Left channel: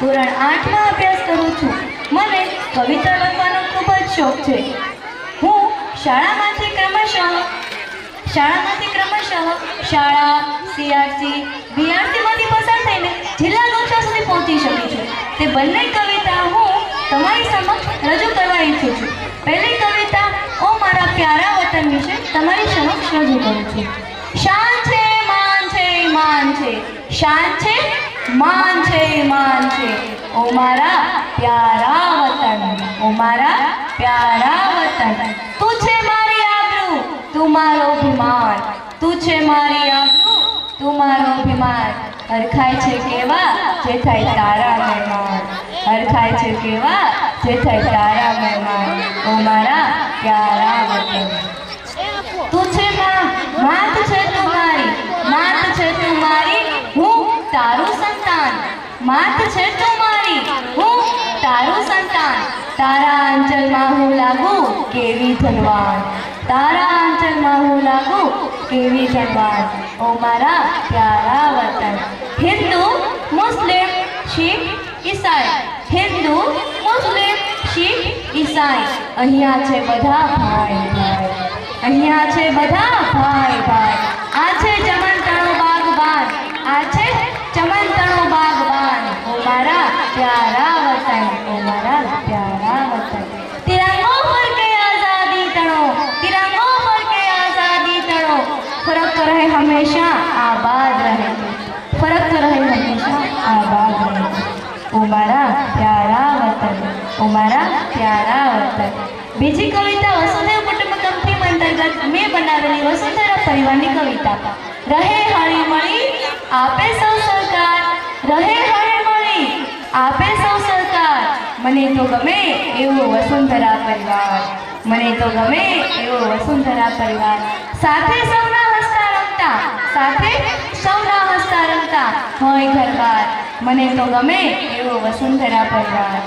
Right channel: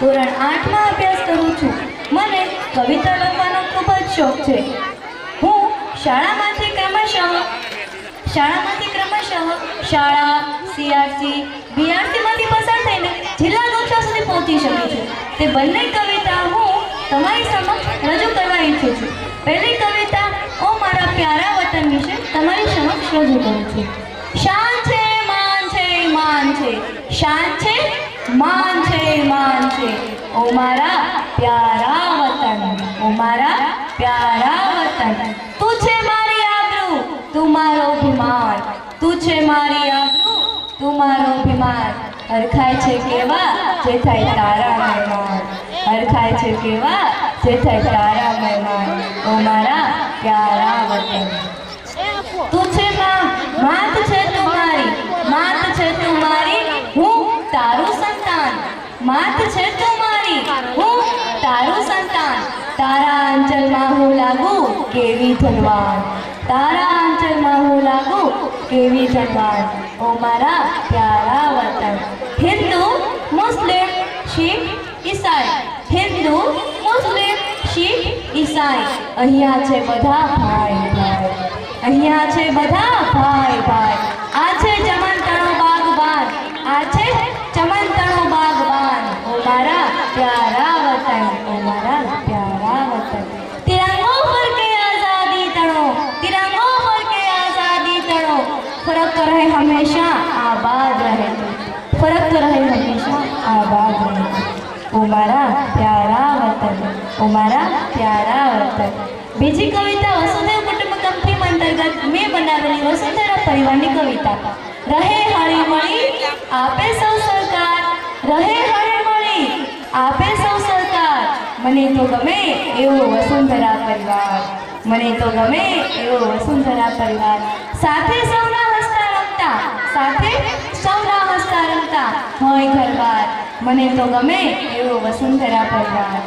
ધોરણ 8 માં અભ્યાસ કરું છું। મને કવિતા લખવાનો ખૂબ જ શોખ છે। હું શાળામાંથી ક્રમશઃ શાળા, સીઆરસી, બીઆરસીમાંથી પસાર થઈને જિલ્લા કક્ષા સુધી પહોંચી શકી છું। તે બંને કવિતા હું તમારી સમક્ષ રજૂ કરવા ઈચ્છું છું। પહેલી કવિતા ઓ મારા પ્યારા વતન વિશે તમારી સમક્ષ રજૂ કરું છું। શાન છે માન છે માન છે, શાન છે માન છે માન છે, ઓ મારા પ્યારા વતન, ઓ મારા પ્યારા વતન। તું છે મારી આબરૂ, તું મારો અભિમાન, તું છે મારી આબરૂ, તું મારો અભિમાન। હરખાય છે કેવા જે થાય તારા મહેમાન, હરખાય છે કેવા જે થાય તારા મહેમાન, ઓ મારા પ્યારા વતન। તું છે માત છે તું મારી, માત છે તું મારી, હું તારું સંતાન, માત છે તું મારી, હું તારું સંતાન। તારા આંચલમાં હું લાગુ કેવી ધનવાન, તારા આંચલમાં હું લાગુ કેવી ધનવાન, ઓ મારા પ્યારા વતન। હિન્દુ, મુસ્લિમ, શીખ, ઈસાઈ, હિન્દુ, મુસ્લિમ, શીખ, ઈસાઈ, અહીંયા છે બધા ભાઈ ભાઈ, અહીંયા છે બધા ભાઈ ભાઈ। આ છે ચમનતણો બાગબાન, આ છે ચમનતણો બાગબાન, ઓ મારા પ્યારા વતન, ઓ મારા પ્યારા વતન। तिरंगो पर के आजादी तणो, तिरंगो पर के आजादी तणो, फर्क तो रहे हमेशा आबाद रहे, फर्क तो रहे हमेशा आबाद रहे, ओ मारा प्यारा वतन, ओ मारा प्यारा वतन। बीजी कविता वसुदेव कुटुंबकम अंतर्गत मैं बनावेली वसुंधरा परिवाરની કવિતા। રહે હળી મળી આપે સૌ સરકાર, રહે હળી મળી આપે સૌ સરકાર, મને તો ગમે એવો વસુંધરા પરિવાર, મને તો ગમે એવો વસુંધરા પરિવાર। સાથે સૌના હસતા રમતા, સાથે સૌના હસતા રમતા હોય ઘરબાર, મને તો ગમે એવો વસુંધરા પરિવાર,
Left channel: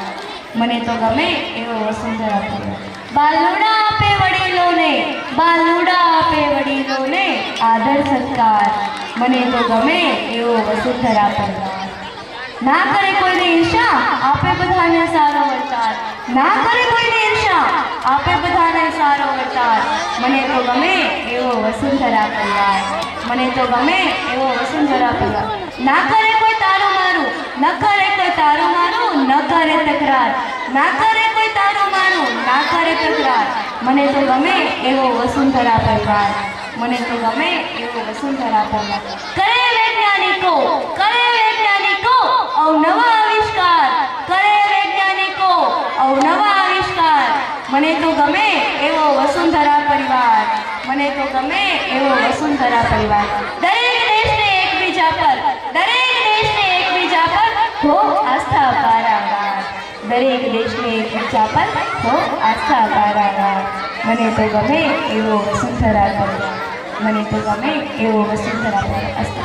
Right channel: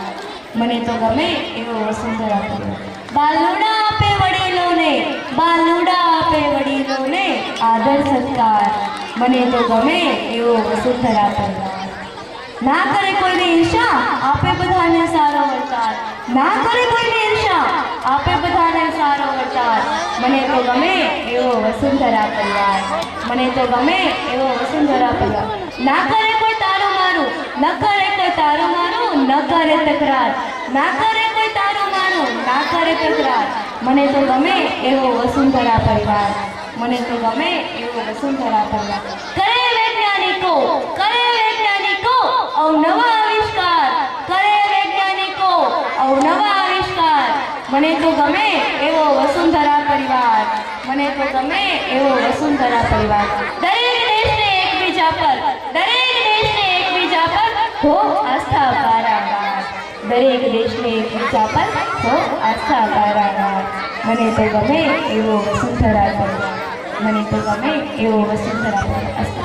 મને તો ગમે એવો વસુંધરા પરિવાર। બાલુડા આપે વડીલોને, બાલુડા આપે વડીલોને આદર સત્કાર, મને તો ગમે એવો વસુંધરા પરિવાર। ના કરે કોઈને ઈર્ષા આપે બધાને સારો વર્તાર, ના કરે કોઈને ઈર્ષા આપે બધાને સારો વર્તાર, મને તો ગમે એવો વસુંધરા પરિવાર, મને તો ગમે એવો વસુંધરા પરિવાર। ના કરે કોઈ તારું મારું, ન કરે કોઈ તારું મારું, ન કરે તકરાર, ના કરે કોઈ તારું મારું, ના કરે તકરાર, મને તો ગમે એવો વસુંધરા પરિવાર, મને તો ગમે એવો વસુંધરા પરિવાર। કરે વૈજ્ઞાનિકો, કરે વૈજ્ઞાનિકો અવનવા આવિષ્કાર, કરે વૈજ્ઞાનિકો અવનવા આવિષ્કાર, મને તો ગમે એવો વસુંધરા પરિવાર, મને તો ગમે એવો વસુંધરા પરિવાર। દરેક દેશને એકબીજા પર, દરેક દેશને એકબીજા પર હો આસ્થા પારાવાર, દરેક દેશને એકબીજા પર હો આસ્થા પારાવાર, મને તો ગમે એવો વસુંધરા પરિવાર, મને તો ગમે એવો વસુંધરા પરિવાર।